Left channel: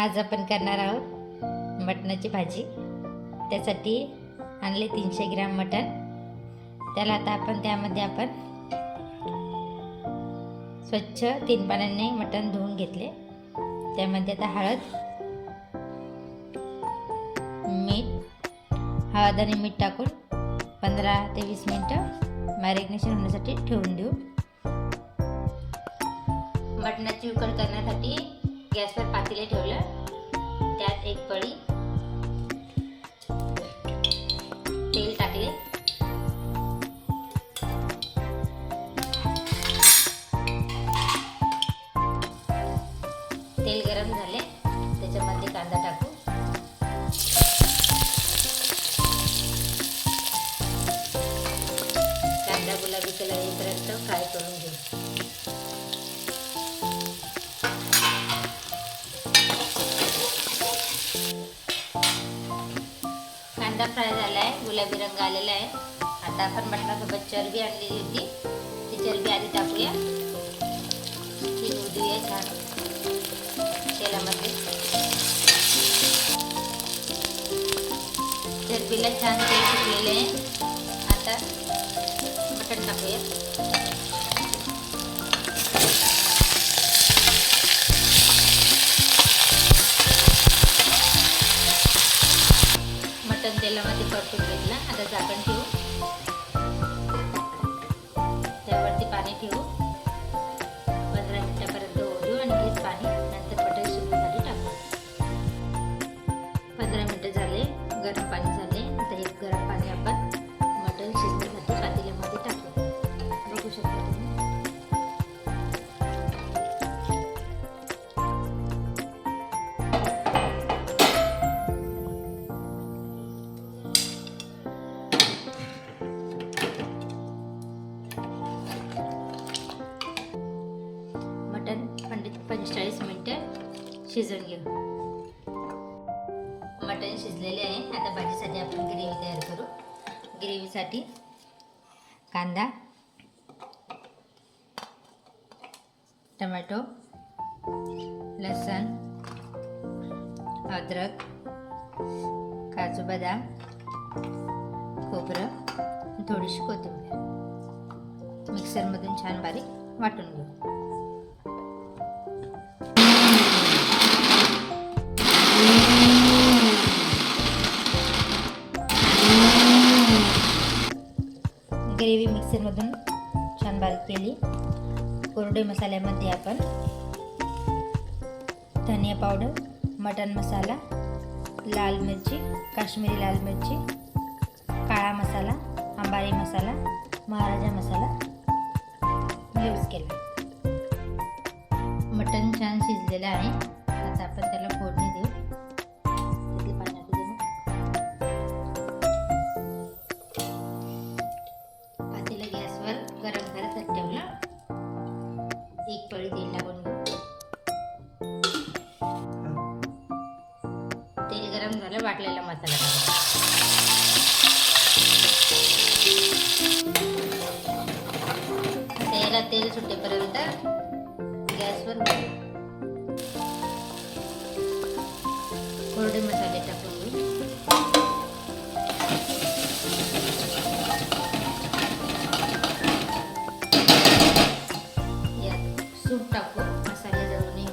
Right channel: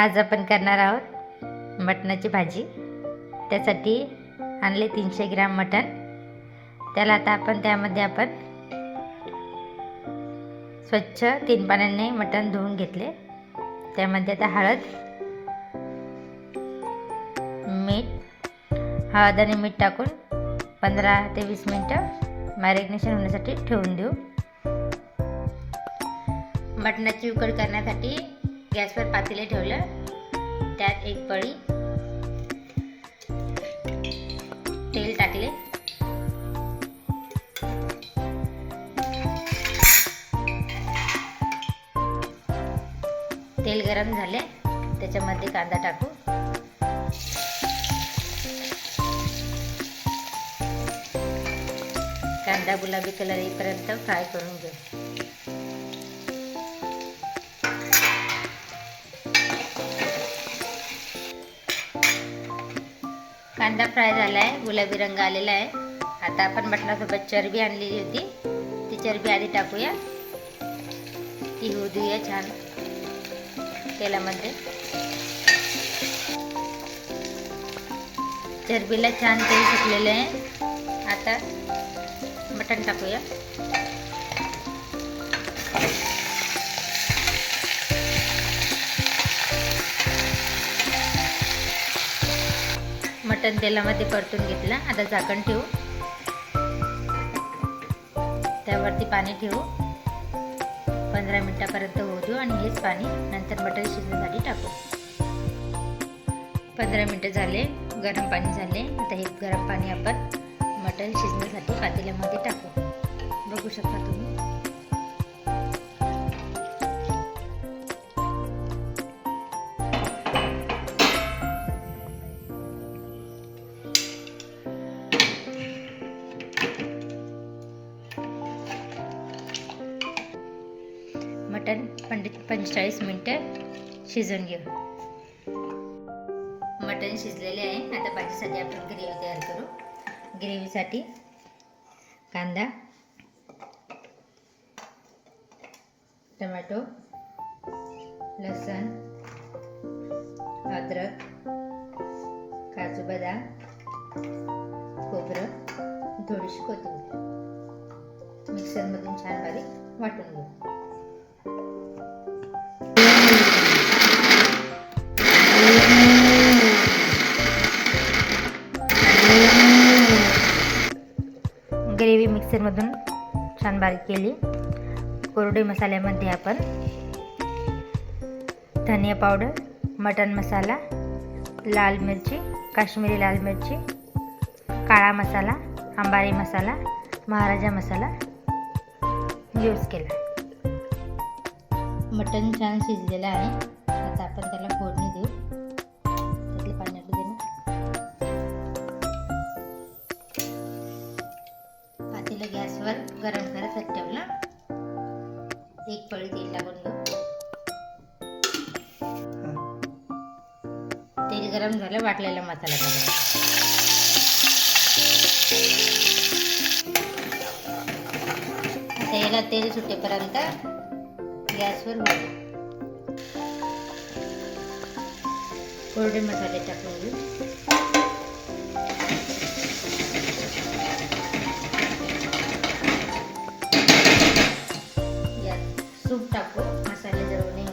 आज आपण करणार आहोत मटणाची भाजी. त्यासाठी आणले तीनशे ग्राम मटण. त्याला आता आपण त्यामध्ये आपण स्वच्छ तीन पाण्याने मटण धुवून घेतले. त्यामध्ये आता हळद मीठ हळद आणि मीठ टाकून पंधरा ते वीस मिनटं मॅरिग्नेशन होण्यासाठी ठेवून देऊ. मटणाची उकड करण्यासाठी गॅसवर पातेले ठेवलं. त्यात एक पळी तेल टाकले. तेल गरम झाले. त्याच्यामध्ये कांदा टाकू. कांदा गुलाबी कलर येईपर्यंत फ्राय करून घेऊ कांदा फ्राय झाला आहे गुलाबी रंग आलेला आहे. आता आपण मटणासोबत चरबी आणलेली होती. ती चरबी आधी टाकूया. ती होऊ देऊया छान. तेलामध्ये. चरबीला छान तेल सुटलेलं आहे. आता मटण टाकूया. मटण तेलामध्ये परतून घेतलं. आता झाकण ठेवू. त्यावरती पाणी ठेवू. पंधरा मिनटापर्यंत होऊ देऊ आणि हेच पाणी नंतर मटण शिजवण्यासाठी टाकू. पंधरा मिनटं झाले गरम पाणी झाले. आता हे गरम पाणी आपण मटण शिजण्यासाठी पातेल्यामध्ये टाकू. बघू शकता तुम्ही. मटण पंच पंचेचाळीस मिनटं शिजवून घेऊ. मटण शिजलेले आहे. आता भाजीसाठी आपण ग्रेव्ही तयार करू. ग्रेव्हीसाठी कांदा टमॅटो लसण अद्रक काजू बदाम खोबरं थोडीशी कोथिंबीर. मिक्सरमधून छान बारीक वाटून घेऊ. मिक्सरमधून छान बारीक केली. कोरडे मसाल्यामध्ये आपण धनिया पावडर मटन मसाला लाल मिरची काश्मीरी लाल मिरची काळा मसाला अंबारी मसाला महाराजा मसाला यूज केला. मटन छान शिजलेलं आहे. आता आपण आपलं गॅसवर गरम करत ठेवलं. एक पळी तेल टाकून घेऊ. तेल गरम झालं वाटलेला मसाला टाकून त्याला तेल सुटेपर्यंत गॅसवर कोरडे मसाले टाकून घेऊ. सूप टाकू मसाले जळू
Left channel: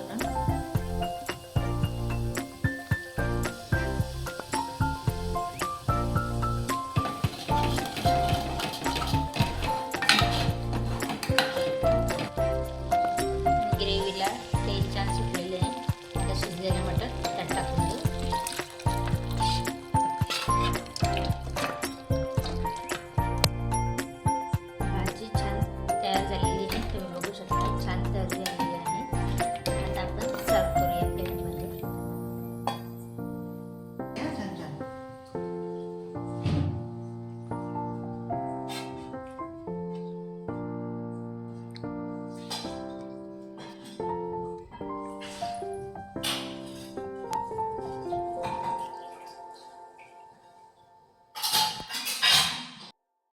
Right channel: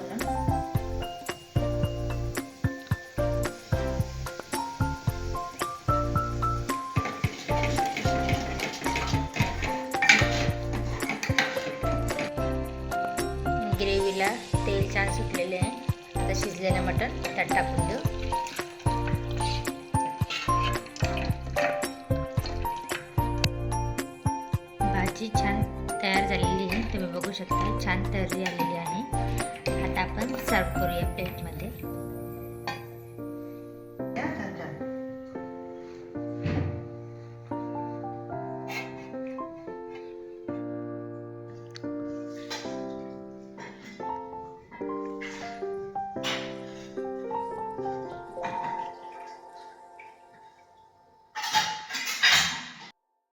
तुम्ही बघू शकता. छान तळली आलेली आहे.